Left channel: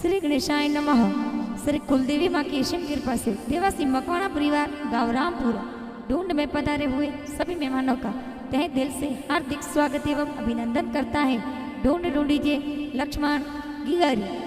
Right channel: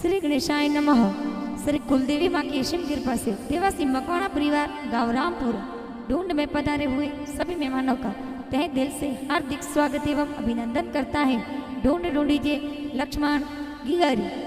श्री गणेशाय नमः। श्री कुलदेवी माँ की असीम कृपा से देवासी मकवाना परिवार गांव रामपुर ढूंढ में पधारे हुए सभी मेहमानों का तहे दिल से हार्दिक स्वागत एवं अभिनंदन करता है ढूंढ ढूंढीजिए लक्ष्मण गिगारी।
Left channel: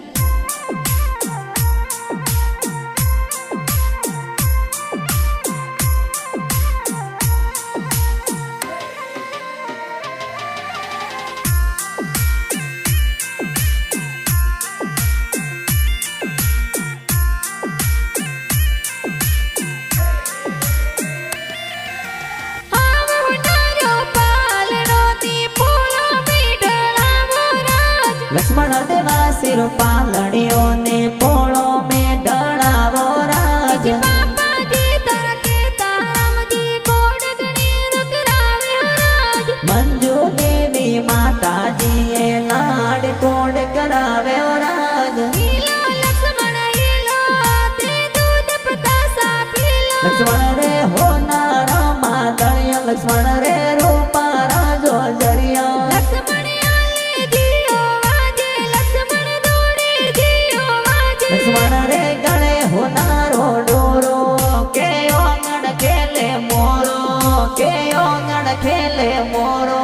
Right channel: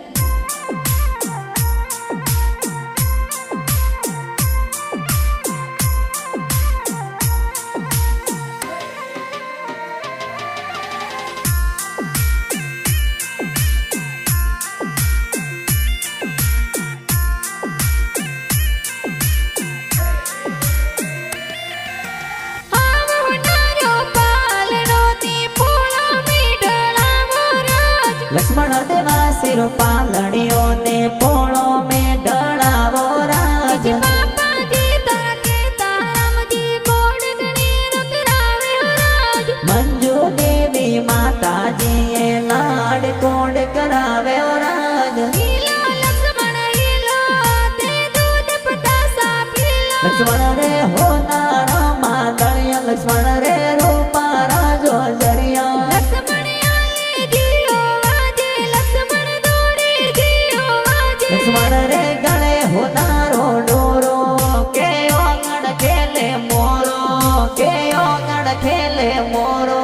लक्ष्मण देवा सिरो पालड़ियों ने पोड़ो में डड़ावो राज। पापा जी तरके तारम जी कोड गणेर करावे हो राज। मंजू देवी माता जी ये लाड कोड करावे हो राज। हीलो लक्ष्मण हीलो ते दूध पतासा पीलो। लक्ष्मण रे हो नारा मादड़िया लक्ष्मण रे रूपा राजो जरिया। लक्ष्मण लक्ष्मण रे गणे होनारो डोरो के ओंगण खेले मोरो के ओंगण खेले मोरो।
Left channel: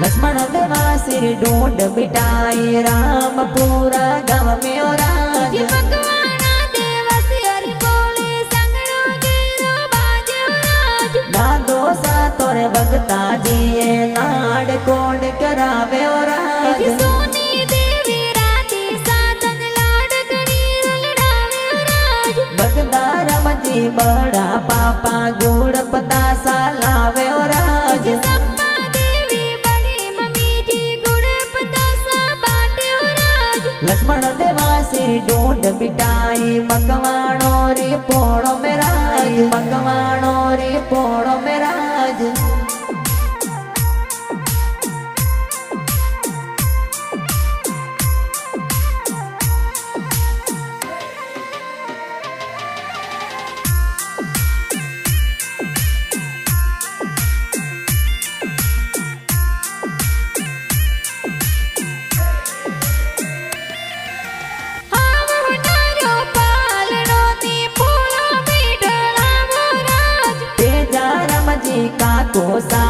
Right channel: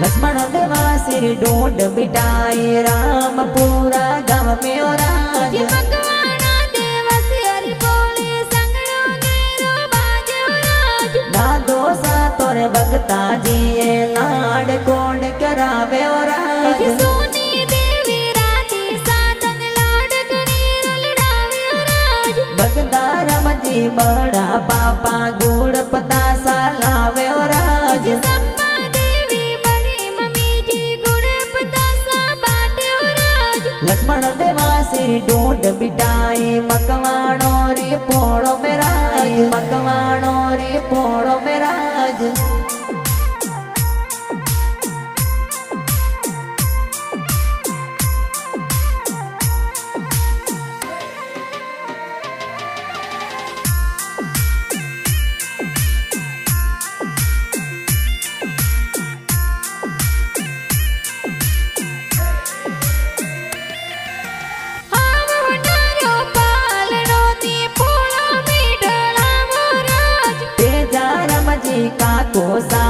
लक्ष्मण देवा सिर ढूंढ बिटाई राम पूरा गाँव में और राज। मकवाना देवा सिर बोले संगड़ो गेरो बाजे हो राज। दादो सा तोरे भगता जी ये लाड कोड करावे और राज। सोनी देवी राती सातन लाड गणेर लड़ावे हो राज। भगता राम जी बड़ा पापा गुड़ पतासा लावे और राज। लक्ष्मण देवा सिर ढूंढ बिटाई मकवाणो रे पोड़ो में राज। मकवाणो रे पोड़ो में राज। जी का कोसा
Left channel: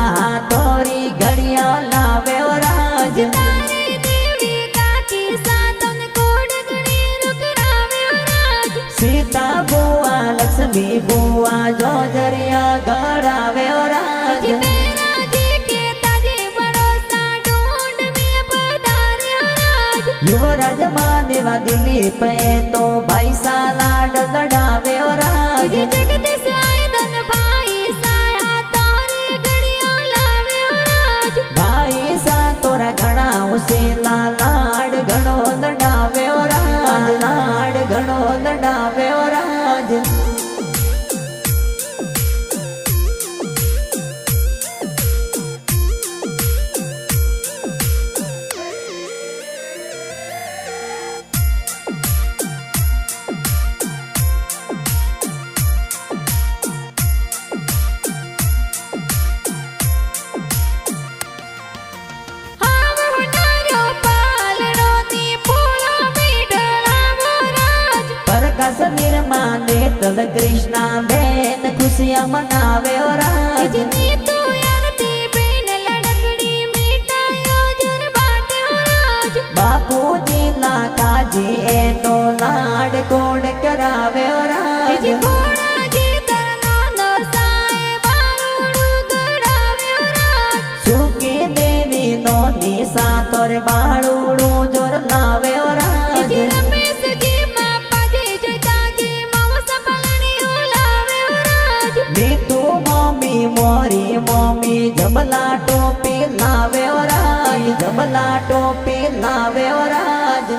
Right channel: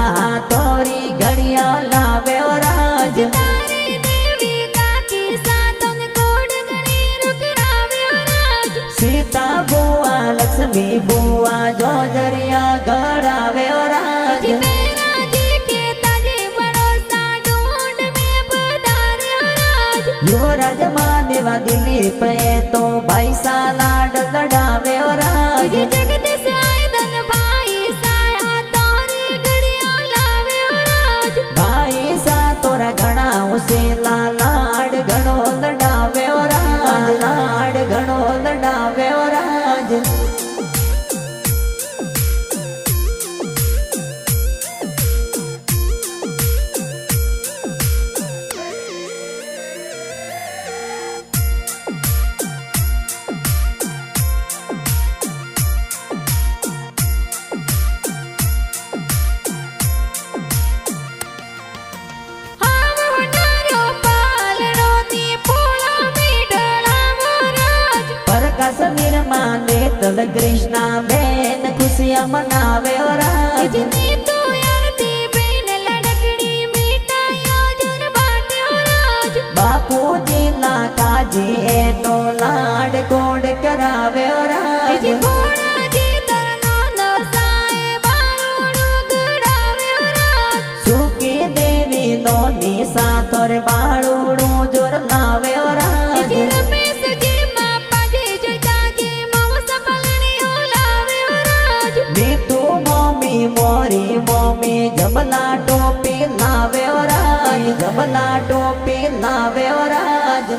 तोरी घड़िया लावे और राज। तारी देवी का की सातन कोड गणेर करावे हो राज। सीता बुआ लक्ष्मी बुआ जो जरिया गड़ावे और राज। मेरा जी के ताजे बड़ोसा ढूंढ में पधारे हो राज। युवराज महादेवा दिल्ली पे तो भाई सा लाड लड़ावे और राज। जगत से आए धन भाई भाई सा तोरा घना उसे लाड घणो लड़ावे और राज। लाड घणो लड़ावे और राज। कश्मीर माने तल कृष्णा बेन खुशियां मनावे और राज। तो यारती बेन लड़कड़ी मिठाइयों जोर बाटे हो राज। बापू जी लाका जी ए तो लाड कोड करावे और राज। घोड़ा जी तरनो नसाए बारूड़ू गड़ावे हो राज। सुखी देवी नो निशा तोर बारूड़ू जोर लावे और राज। तू मम्मी मोरी मम्मी जबला टोपी लावे और राज। जबला टोपी लावे और राज।